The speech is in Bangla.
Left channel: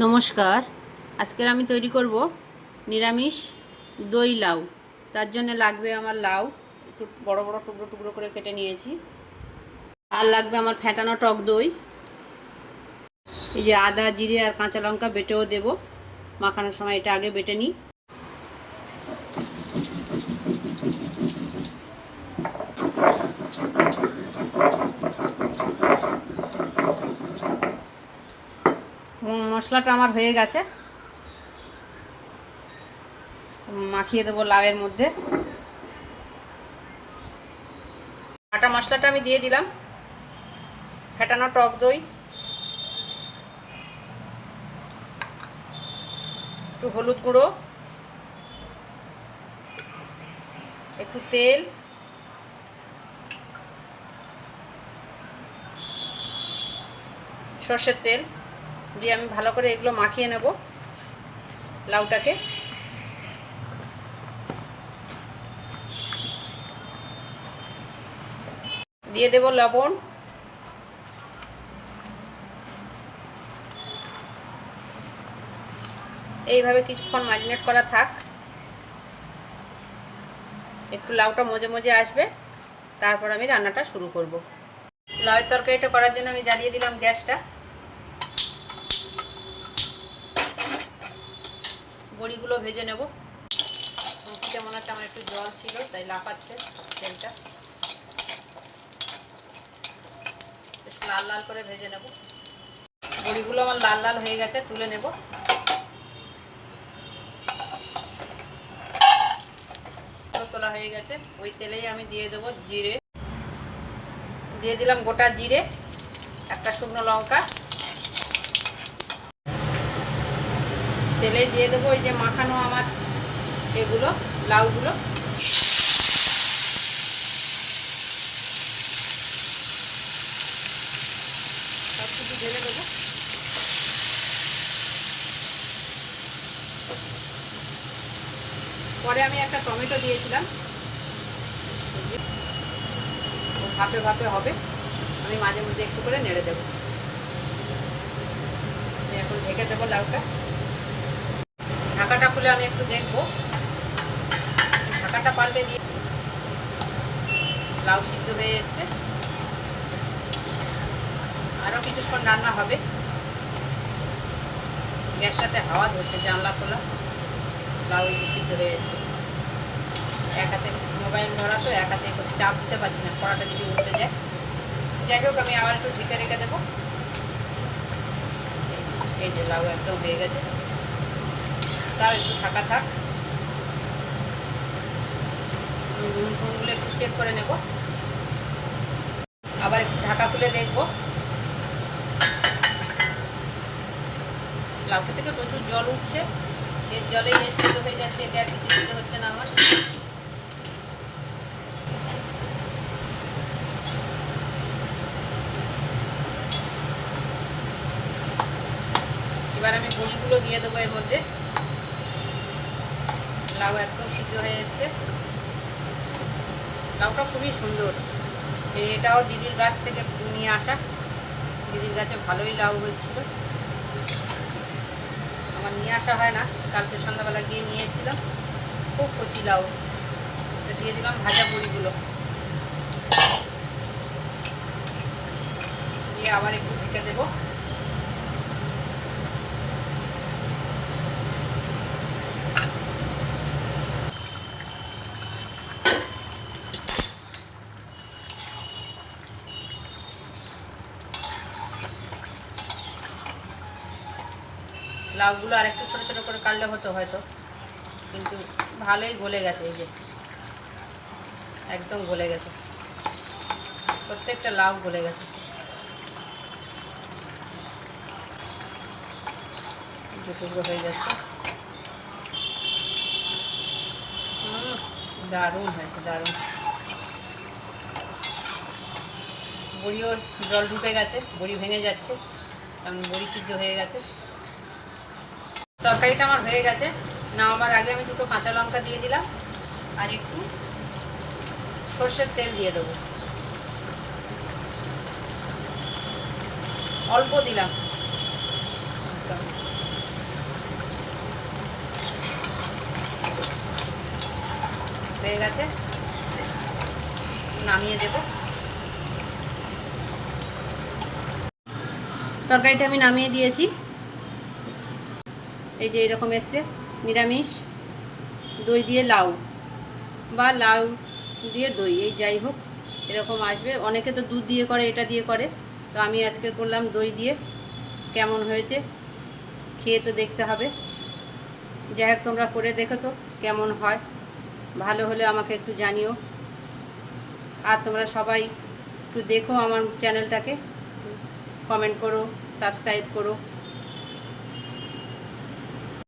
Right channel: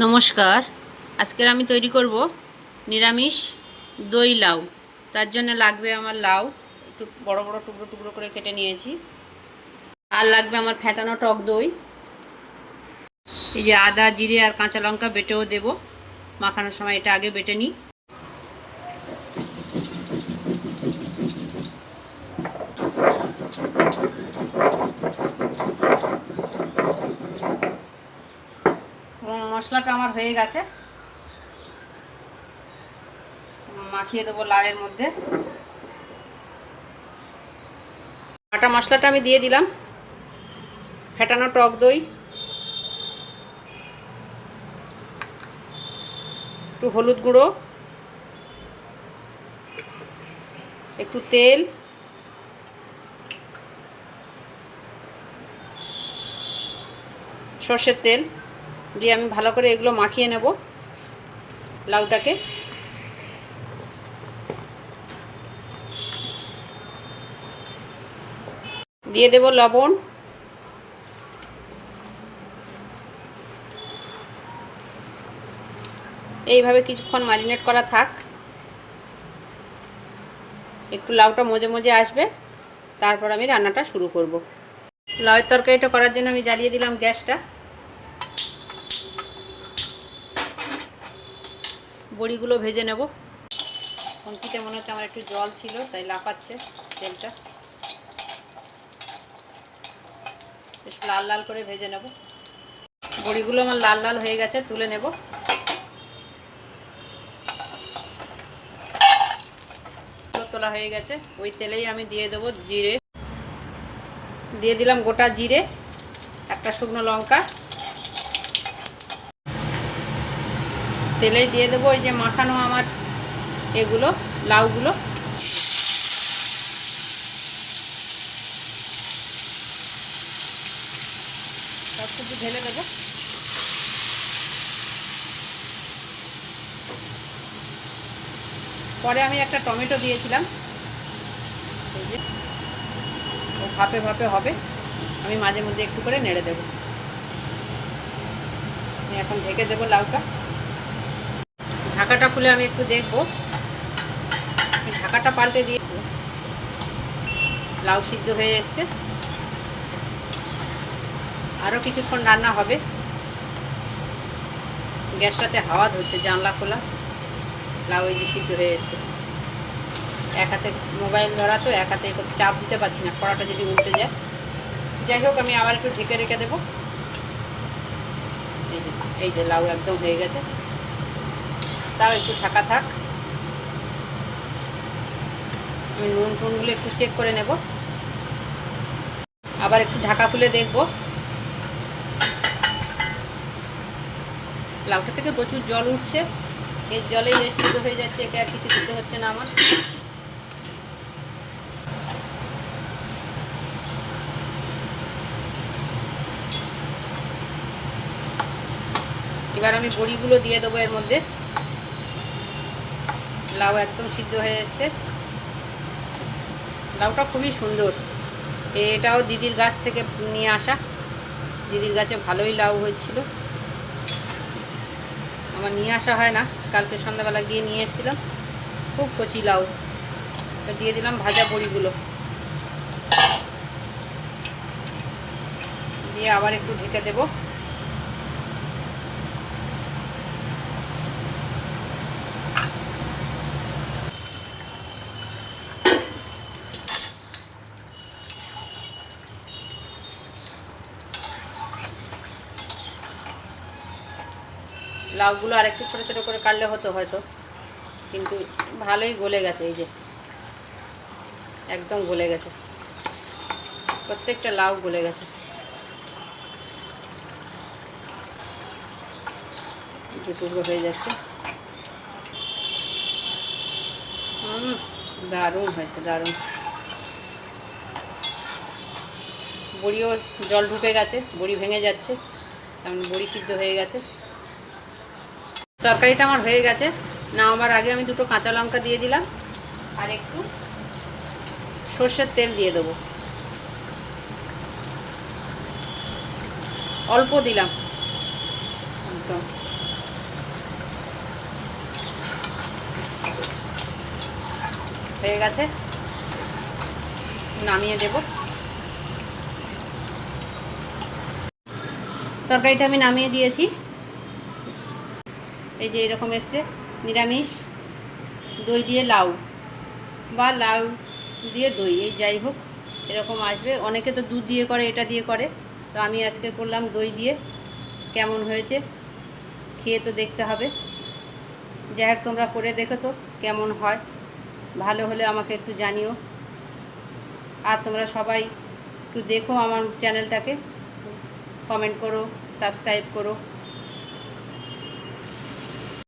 নমস্কার। আজকের আমি তৈরি করব নিরামিষ দই লাউ। তার জন্য লাগবে আমার লাউ। একটু বড় বড় টুকরো টুকরো করে কেটে নিয়েছি। আর লাগবে আমার ফ্যাটানো টক দই। এই যে আদা, জিরে আর কাঁচা লঙ্কা বেটেও দেব। মাখানোর সময় এটা আগে বেটে নিই। মশলাটা আমার হয়ে গেছে। মাখিয়ে দেবো লাউয়ের মধ্যে। আটা মশলাটা আমি দিয়ে দিলাম। ফেটানো টক দই। একটু হলুদ গুঁড়ো। একটু তেল। সর্ষের তেল। দিয়ে আমি ভালো করে এগুলো মাখিয়ে নেব লাউটাকে। দিয়ে দেব লবণ। এইভাবে কিছুক্ষণ ম্যারিনেট করা থাক। একটু লাউটা মজে মজে আসবে, তারপর আমি রান্নাটা শুরু করব। লাউয়ের তরকারিটা করার জন্য আমি জ্বালিয়ে দিলাম গ্যাসটা। বড়িগুলো ভেজে নেব। খুঁটিতে মনে হচ্ছে আমার একটু জল ছিল, তাই লাফাচ্ছে তেলটা। বেশ লাল লাল করে ভেজে নেব। বড়িগুলো আমার লাল লাল হয়ে গেছে, তুলে নেব। তোলা হয়ে গেছে। ওই তেলেই আমি দিয়ে দেবো জিরে। দিয়ে দিলাম গোটা জিরে, একটা শুকনো লঙ্কা। তেলে দিয়ে দেবো, ওই যে মাখানো আমার এগুলো, লাউগুলো। ঢেলে দেবো। পরে আমি একটা টমেটো দিয়েছিলাম। ভাপে ভাপে হবে। আমি মাঝে মধ্যে একটু করে নেড়ে দেবো। আমি এখন ঢেকে দেবো লাউটা। ঢাকাটা খুলে আমি একটু দেখব। ঢাকাটা পাল্টে দিয়ে লাউ সিদ্ধ হয়ে এসছে। আরও কিছুক্ষণ রান্না হবে। গ্যাসটাতে হাওয়া ধরছে, জানলা খোলা। লাউ এই যে সিদ্ধ হয়ে এসছে। এক হাতে মোবাইল ধরা তো, এক হাতে চাপ দিতে পারছি না, কড়াটা যদি উল্টে যায়। যাই হোক, আমি আবার একটু ঢেকে রেখে দেবো। এই যে লাউ একদম হয়ে গেছে। তাও একটু ফাঁকা থাক। নুন ফুনগুলো একটু চেক করে নেব। আবার একটু ঢাকা খুলে দেখব। লাউটা থেকে প্রচুর জল উঠছে। এর জলেই সিদ্ধ হয়ে যাচ্ছে, একে আর কিছু দিতে হচ্ছে না আমার। এবার আমি বড়িগুলো দিয়ে দেবো এর মধ্যে। লাউ একদম সিদ্ধ হয়ে এসছে। লাউটা খুবই সুন্দর। এটাও দিদির গাছ থেকে নিয়ে আসা। দিদির গাছে ভালোই লাউ হয়েছিল। আমার নিয়ে আসা হয় না, কালকে সন্ধ্যাবেলা গিয়ে নিয়ে এসেছিলাম। খুব কচি লাউ। দিয়ে দিলাম ভাজা বড়িগুলো দিয়ে আবার একটু ঢেকে দেবো। লাউগুলো আর একটু ছোটো ছোটো করে কাটলে হতো হয়তো। কিন্তু ভালোই গলে গেছে এই যে। একদম গলে গেছে। প্রত্যেকটা লাউ গলে গেছে। টুকরো হয়ে যাচ্ছে। দারুণ হয়েছে, দারুণ। বড়িও জল ঢুকে গেছে, বড়ি ভেঙে যাচ্ছে। কারণ বড়ি সিদ্ধ হয়ে গেছে। তরকারিটা আমার হয়ে গেছে। নামাবার আগে আমি দুটো কাঁচা লঙ্কা দিয়ে দিলাম। আর একটু সর্ষের তেল দিয়ে দেবো। অল্প দিলাম। হয়ে গেছে। নামিয়ে দেব। তরকারিটা আমি নামিয়ে দিয়েছি। এই যে এরকম এসছে, নিরামিষ, দই দিয়ে লাউ বা লাউ দিয়ে দই, এই যাই হোক, এরকম আসবে। অনেকে তো দুধ দিয়ে করে, এটা দিয়ে করে। তো আমি আজকে করলাম দই দিয়ে, কেমন হয়েছে খেয়ে তো দেখতে হবে। যাই হোক, তোমরা করে দেখো তো কেমন হয়। ভালো হলে আমাকে একটু জানিও। আর তোমরা সবাই একটু দেখো আমার চ্যানেলটাকে। কমেন্ট করো সাবস্ক্রাইব করো।